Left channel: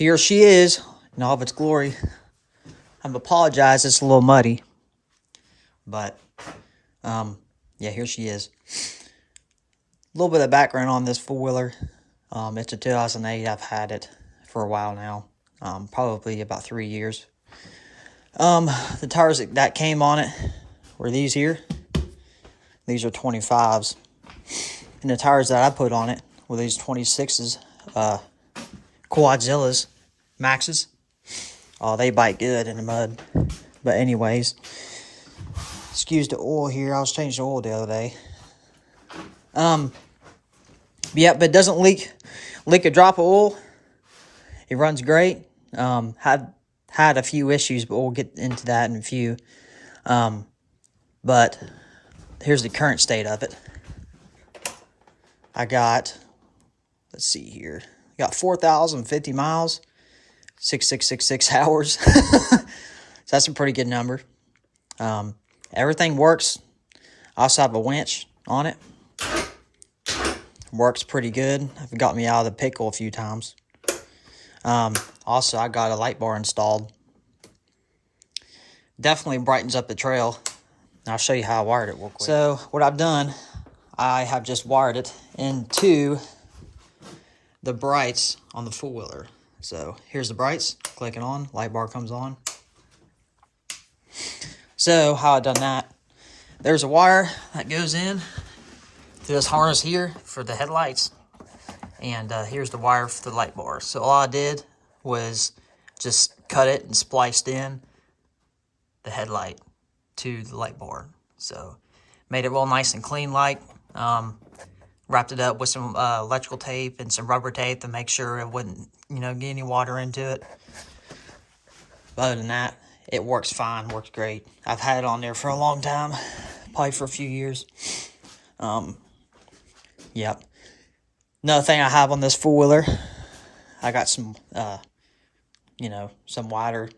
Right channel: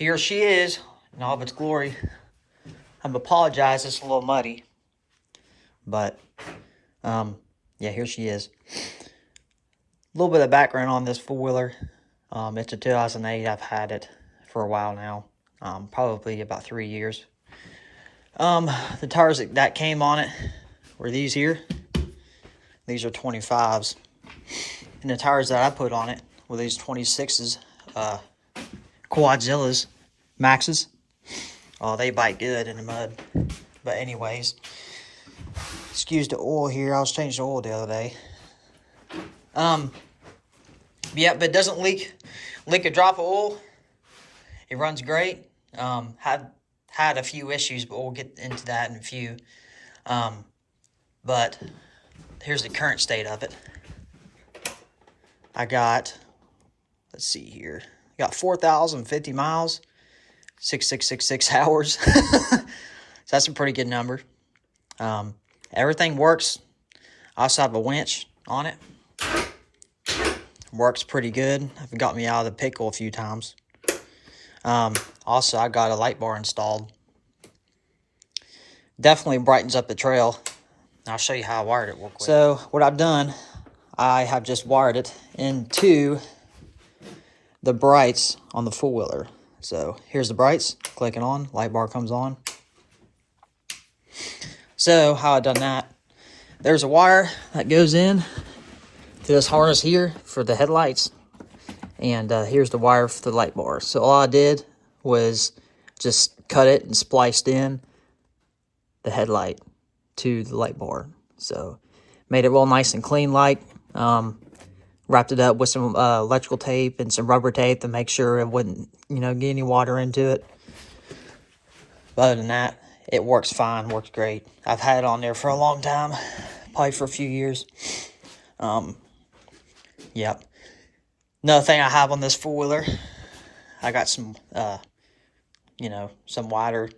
here she is in all of its glory. I'm apologize, it's a little muddy. But, yeah, here she is. A little bit of background on this four-wheeler. It's a 2008. I've had it for a while now. Probably about 3 years. The tires that came on it were these here. These are 25s. And the tires that I put on it were these 26s. Quadzillas. Maxes. Oh, they bite good in the mud. But anyways, excuse the oil here. I was changing the oil the other day. Yeah, but it doesn't leak a drop of oil. It runs great. Had a few issues, but we'll get into that in a few. But here's the current state of it. I got, let's see here. Got 4,050 miles, 6666 hours. So that's a pretty good number. Everything works. I also have a winch on it. Works pretty good. I've got me out of the pickle a few times. Also, I got a light bar installed. Definitely brightens up the trail. I'll show you how I wired it real quick. So, what I've done, I have just wired it into the brights on the four-wheeler. So, here's the brights. Click it on. Light bar comes on. So, how I've done that, there's a wire that goes in to this harness here for the headlights. And here's the wire for the light bar. So all I did was just cut it and spliced in the headlight to the light bar. So made it real nice and clean like. Wrapped it up with some electrical tape and some rubber tape to make sure it wouldn't, get any water into it. But other than that, it works fine, works great. I've had it on there for a long time, probably for a few years. Yep. Another thing I have on this four-wheeler, I got some, some wider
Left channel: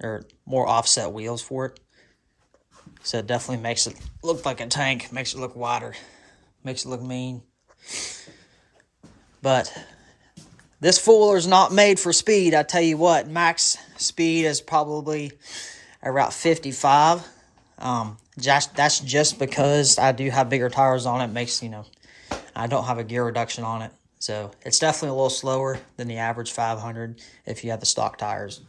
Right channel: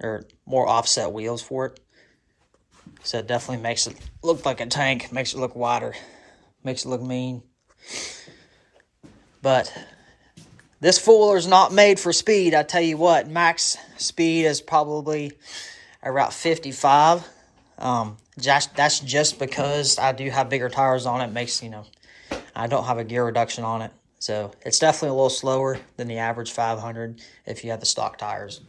or more offset wheels for it. So it definitely makes it look like a tank, makes it look wider, makes it look mean. But this four-wheeler is not made for speed. I tell you what, max speed is probably around 55. That's just because I do have bigger tires on it. Makes, I don't have a gear reduction on it. So it's definitely a little slower than the average 500 if you have the stock tires.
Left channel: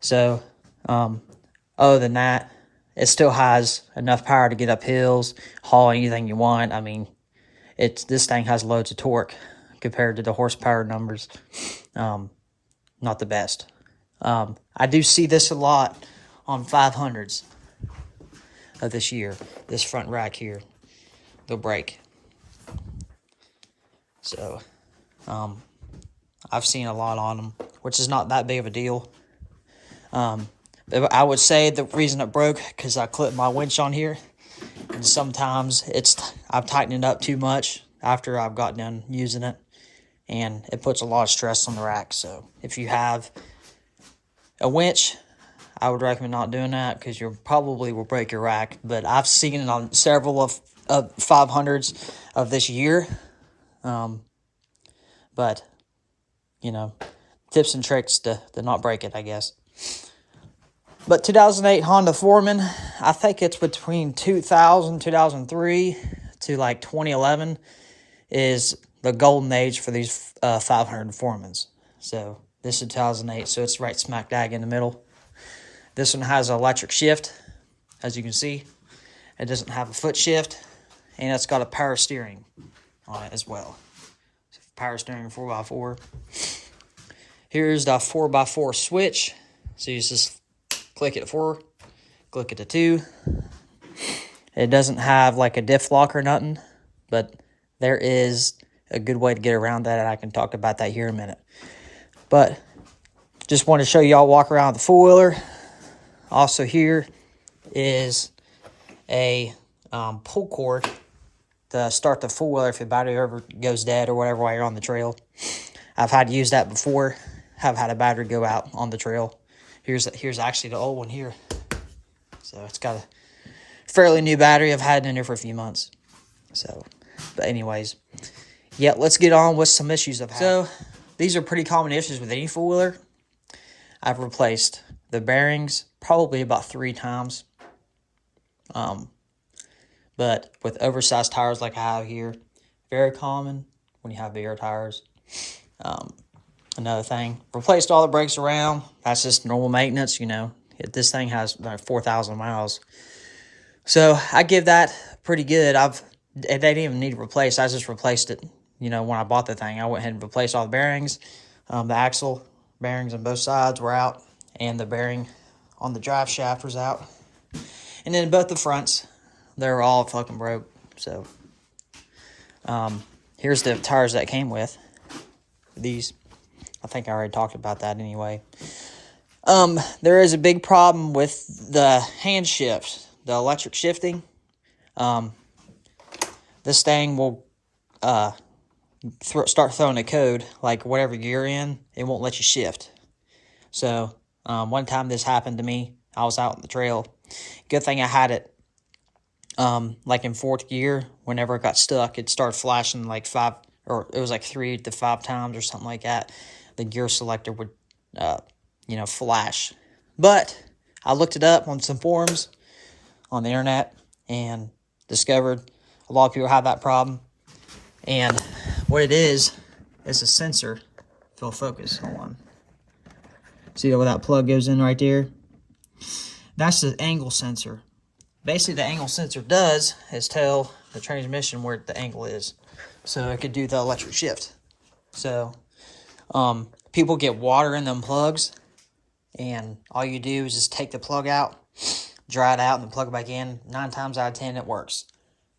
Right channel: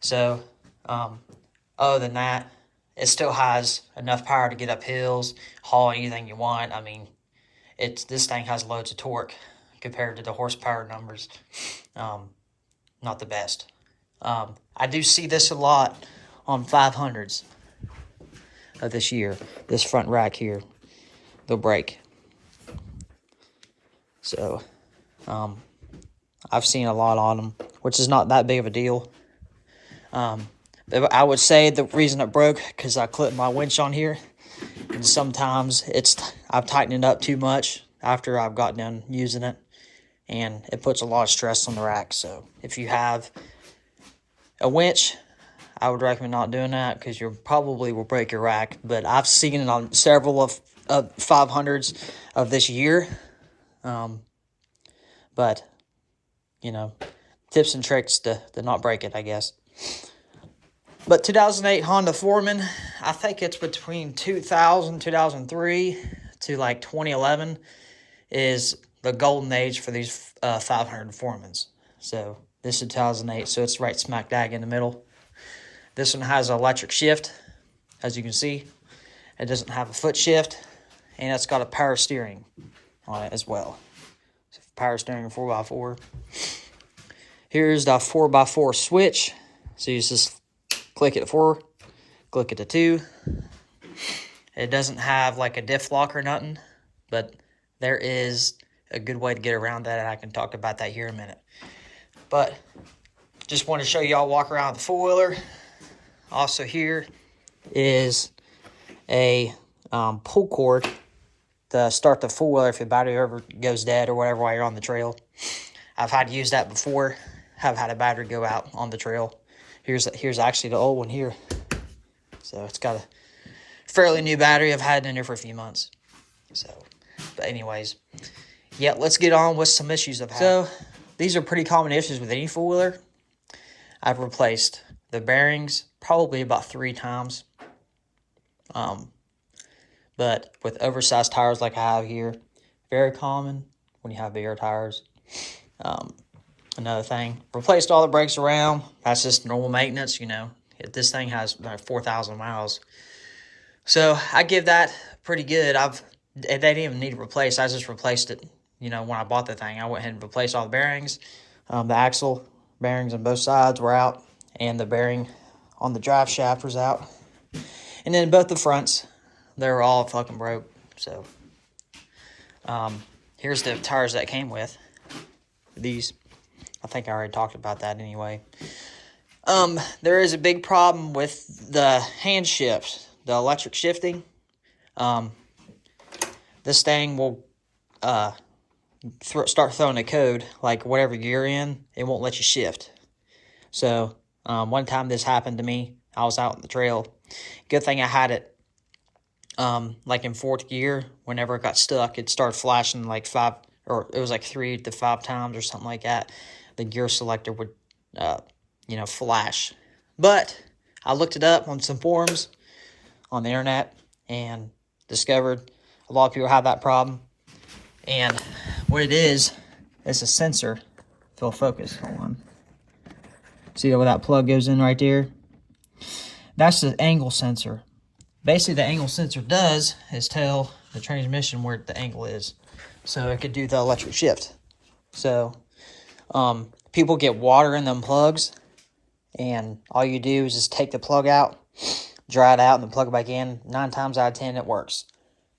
So other than that, it still has enough power to get up hills, haul anything you want. I mean, this thing has loads of torque compared to the horsepower numbers. Not the best. I do see this a lot on 500s of this year. This front rack here, they'll break. So, I've seen a lot on them, which is not that big of a deal. I would say the reason it broke, because I clipped my winch on here, and sometimes I've tightened it up too much after I've got done using it, and it puts a lot of stress on the rack. So, if you have a winch, I would recommend not doing that, because you probably will break your rack. But I've seen it on several of 500s of this year. But, tips and tricks to not break it, I guess. But 2008 Honda Foreman, I think it's between 2000, 2003 to like 2011 is the golden age for these 500 Foremans. So this is 2008, so it's right smack dab in the middle. This one has an electric shift, as you can see. It doesn't have a foot shift, and it's got a power steering on it as well. Power steering 4x4. Here's the 4x4 switch. So you just click it 4, click it to 2. It doesn't have like a diff lock or nothing, but there is a good way to get around that, and I can talk about that here in a minute. But just want to show y'all walk around the four-wheeler. Also here is a pull cord to start the four-wheeler if your battery ever goes dead or whatever while you're on the trail. I've had to use that before. Have had a battery go out on the trail. Here's actually the old one here. So it's got a fairly new battery. I've had it in there for a few months. So, but anyways, yeah, let's get on with some issues I've had. So these are pretty common issues with any four-wheeler. I've replaced the bearings probably about 3 times. But with oversized tires like I have here, very common when you have bigger tires. Another thing, replaced all the brakes around. That's just normal maintenance, you know. This thing has 4,000 miles. So I give that pretty good. They didn't even need to replace. I just replaced it, you know, when I bought the thing. I went ahead and replaced all the bearings. The axle bearings on both sides were out, and the bearing on the drive shaft was out. And then both the fronts, they were all fucking broke. So here's the tires that came with. These, I think I already talked about that anyway. There is a big problem with the hand shift, the electric shifting. This thing will start throwing a code, like whatever gear in, it won't let you shift. So one time this happened to me. I was out on the trail. Good thing I had it like in 4th gear. Whenever it got stuck, it started flashing like 5, or it was like 3 to 5 times or something like that. The gear selector would, you know, flash. But I looked it up on some forums on the internet and discovered a lot of people have that problem. And what it is a sensor. If it'll focus, hold on. See where that plug goes in right there? That's the angle sensor. Basically, the angle sensor does is tell the transmission where the angle is, so it could do the electric shift. So people get water in them plugs, and all you do is just take the plug out, dry it out, and then plug it back in. 9 times out of 10 it works.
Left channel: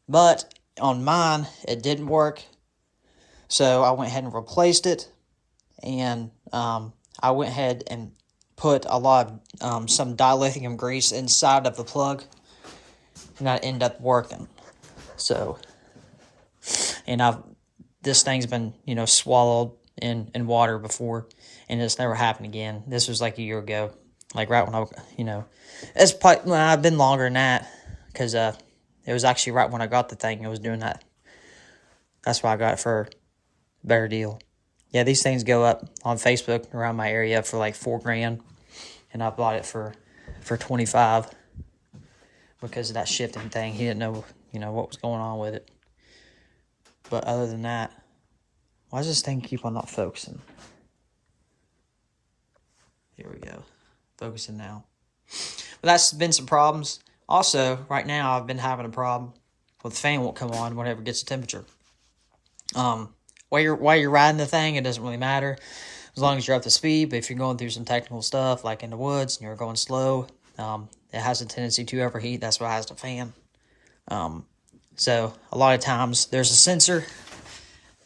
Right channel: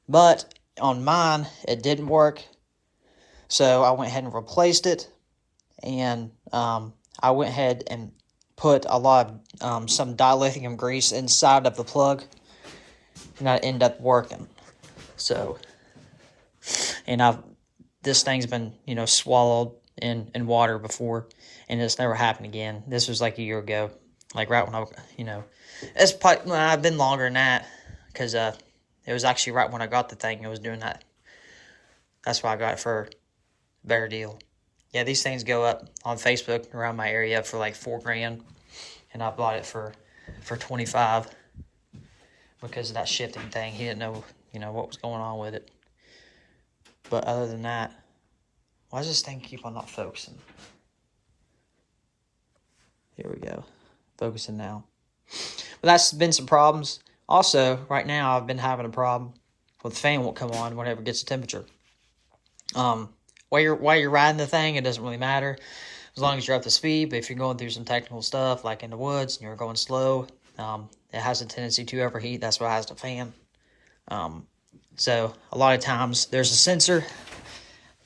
But on mine it didn't work, so I went ahead and replaced it. And I went ahead and put a lot of some dilithium grease inside of the plug, and that ended up working. So, and this thing's been, you know, swallowed in water before, and it's never happened again. This was like a year ago, like right when you know, it's probably, well, I've been longer than that, because it was actually right when I got the thing. It was doing that. That's why I got it for a better deal. Yeah, these things go up on Facebook around my area for like $4,000, and I bought it for 25 because of that shifting thing. He didn't know, you know, what was going on with it. But other than that, why does this thing keep on not focusing? Here we go, focusing now. But that's been some problems. Also, right now I've been having a problem with the fan won't come on whenever it gets the temperature. While you're riding the thing, it doesn't really matter as long as you're up to speed. But if you're going through some technical stuff, like in the woods, and you're going slow, it has a tendency to overheat. That's why it has the fan. So a lot of times there's a sensor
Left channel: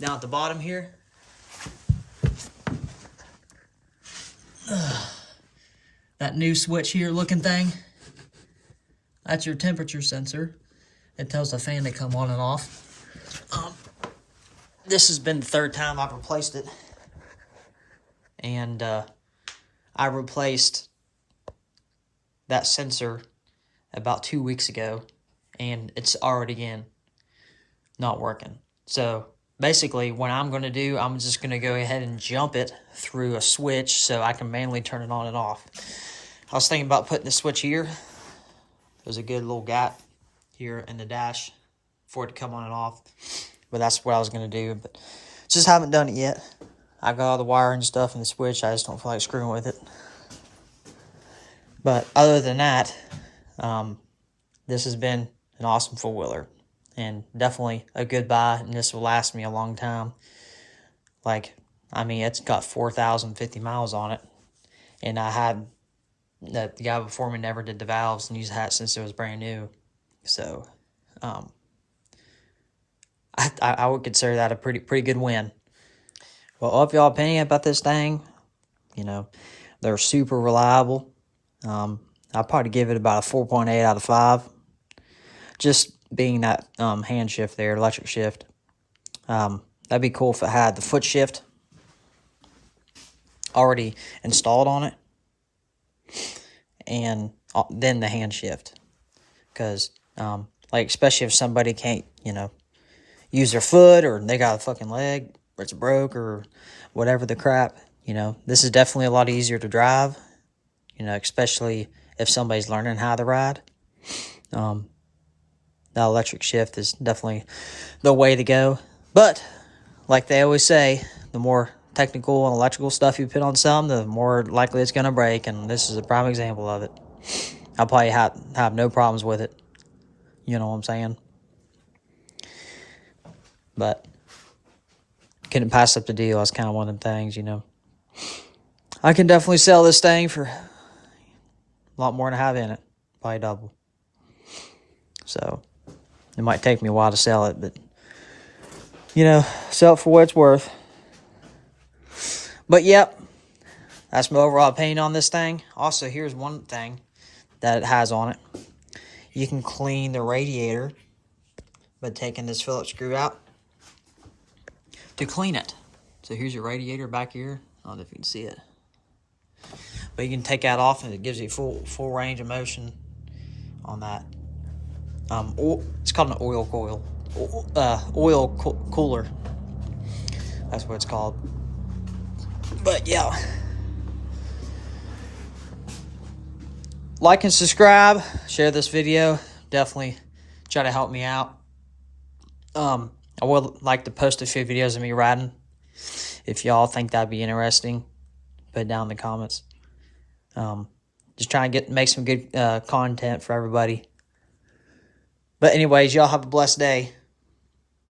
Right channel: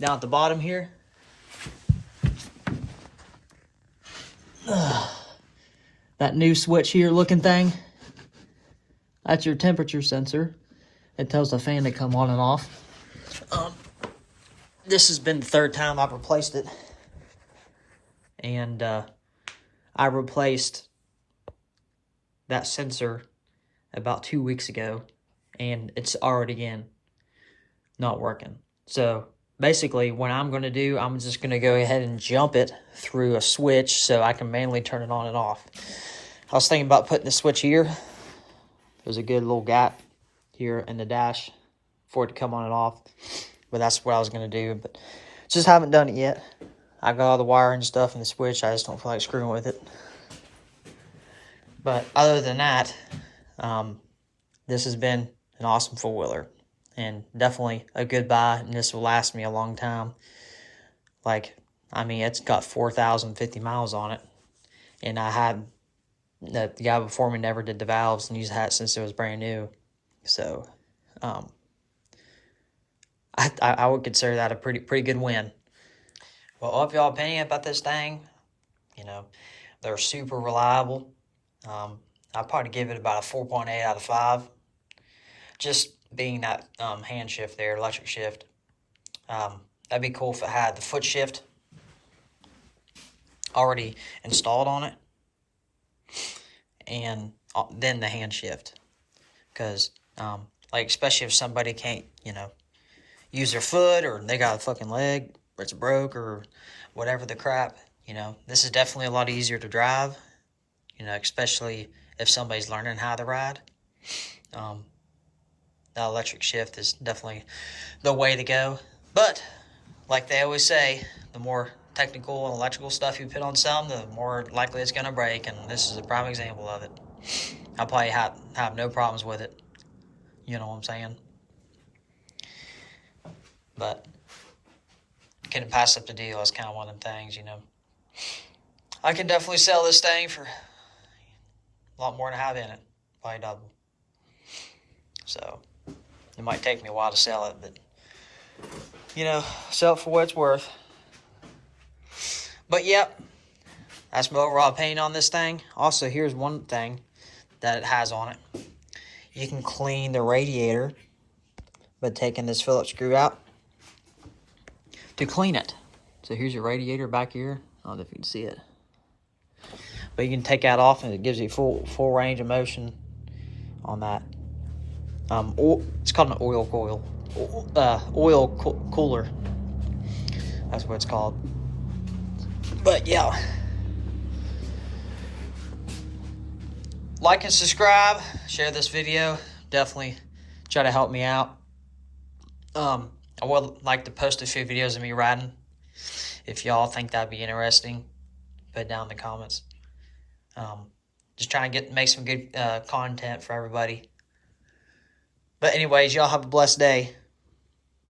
down at the bottom here. That new switch here looking thing, that's your temperature sensor. It tells the fan to come on and off. This has been the 3rd time I've replaced it. And I replaced that sensor about 2 weeks ago, and it's already again not working. So basically what I'm going to do, I'm just going to go ahead and jump it through a switch so I can manually turn it on and off. I was thinking about putting the switch here. There's a good little gap here in the dash for it to come on and off. But that's what I was going to do. But just haven't done it yet. I got all the wiring and stuff in the switch. I just don't feel like screwing with it. But other than that, this has been an awesome four-wheeler. And definitely a good buy. And this will last me a long time. Like, I mean, it's got 4,050 miles on it. And I had, the guy before me never did the valves and used that since it was brand new. So, I would consider that a pretty good win. Well, if y'all opinion about this thing, you know, they're super reliable. I'll probably give it about a 4.8 out of 5. Just being that hand shift there, electric shift. That'd be cool if it had the foot shift already installed on it. And then the hand shift. Because, like, especially if somebody can't, you know, use their foot or they got a fucking leg, it's broke or whatever the crap, you know, this is definitely a lot easier to drive, you know, especially if somebody's learning how to ride. The electric shift is definitely the way to go. But like they always say, the more technical and electrical stuff you put on something, the more likely it's going to break, and this is a prime example of it. I'll probably have no problems with it. You know what I'm saying? But couldn't pass up the deal. That's kind of one of the things, you know. I can definitely sell this thing for a lot more than I have in it. Probably double. So it might take me a while to sell it, but, you know, sell it for what it's worth. But, yep, that's my overall opinion on this thing. Also, here's one thing that it has on it. You can clean the radiator by taking this Phillips screw out to clean it. So here's your radiator back here. I don't know if you can see it. But you can take that off and it gives you full range of motion on that. It's called an oil coil. Cooler. That's what it's called. But yeah. Like and subscribe. Share this video. Definitely try to help me out. I would like to post a few videos of me riding. If y'all think that'd be interesting, put it down in the comments. Just trying to make some good content for everybody. But anyways, y'all have a blessed day.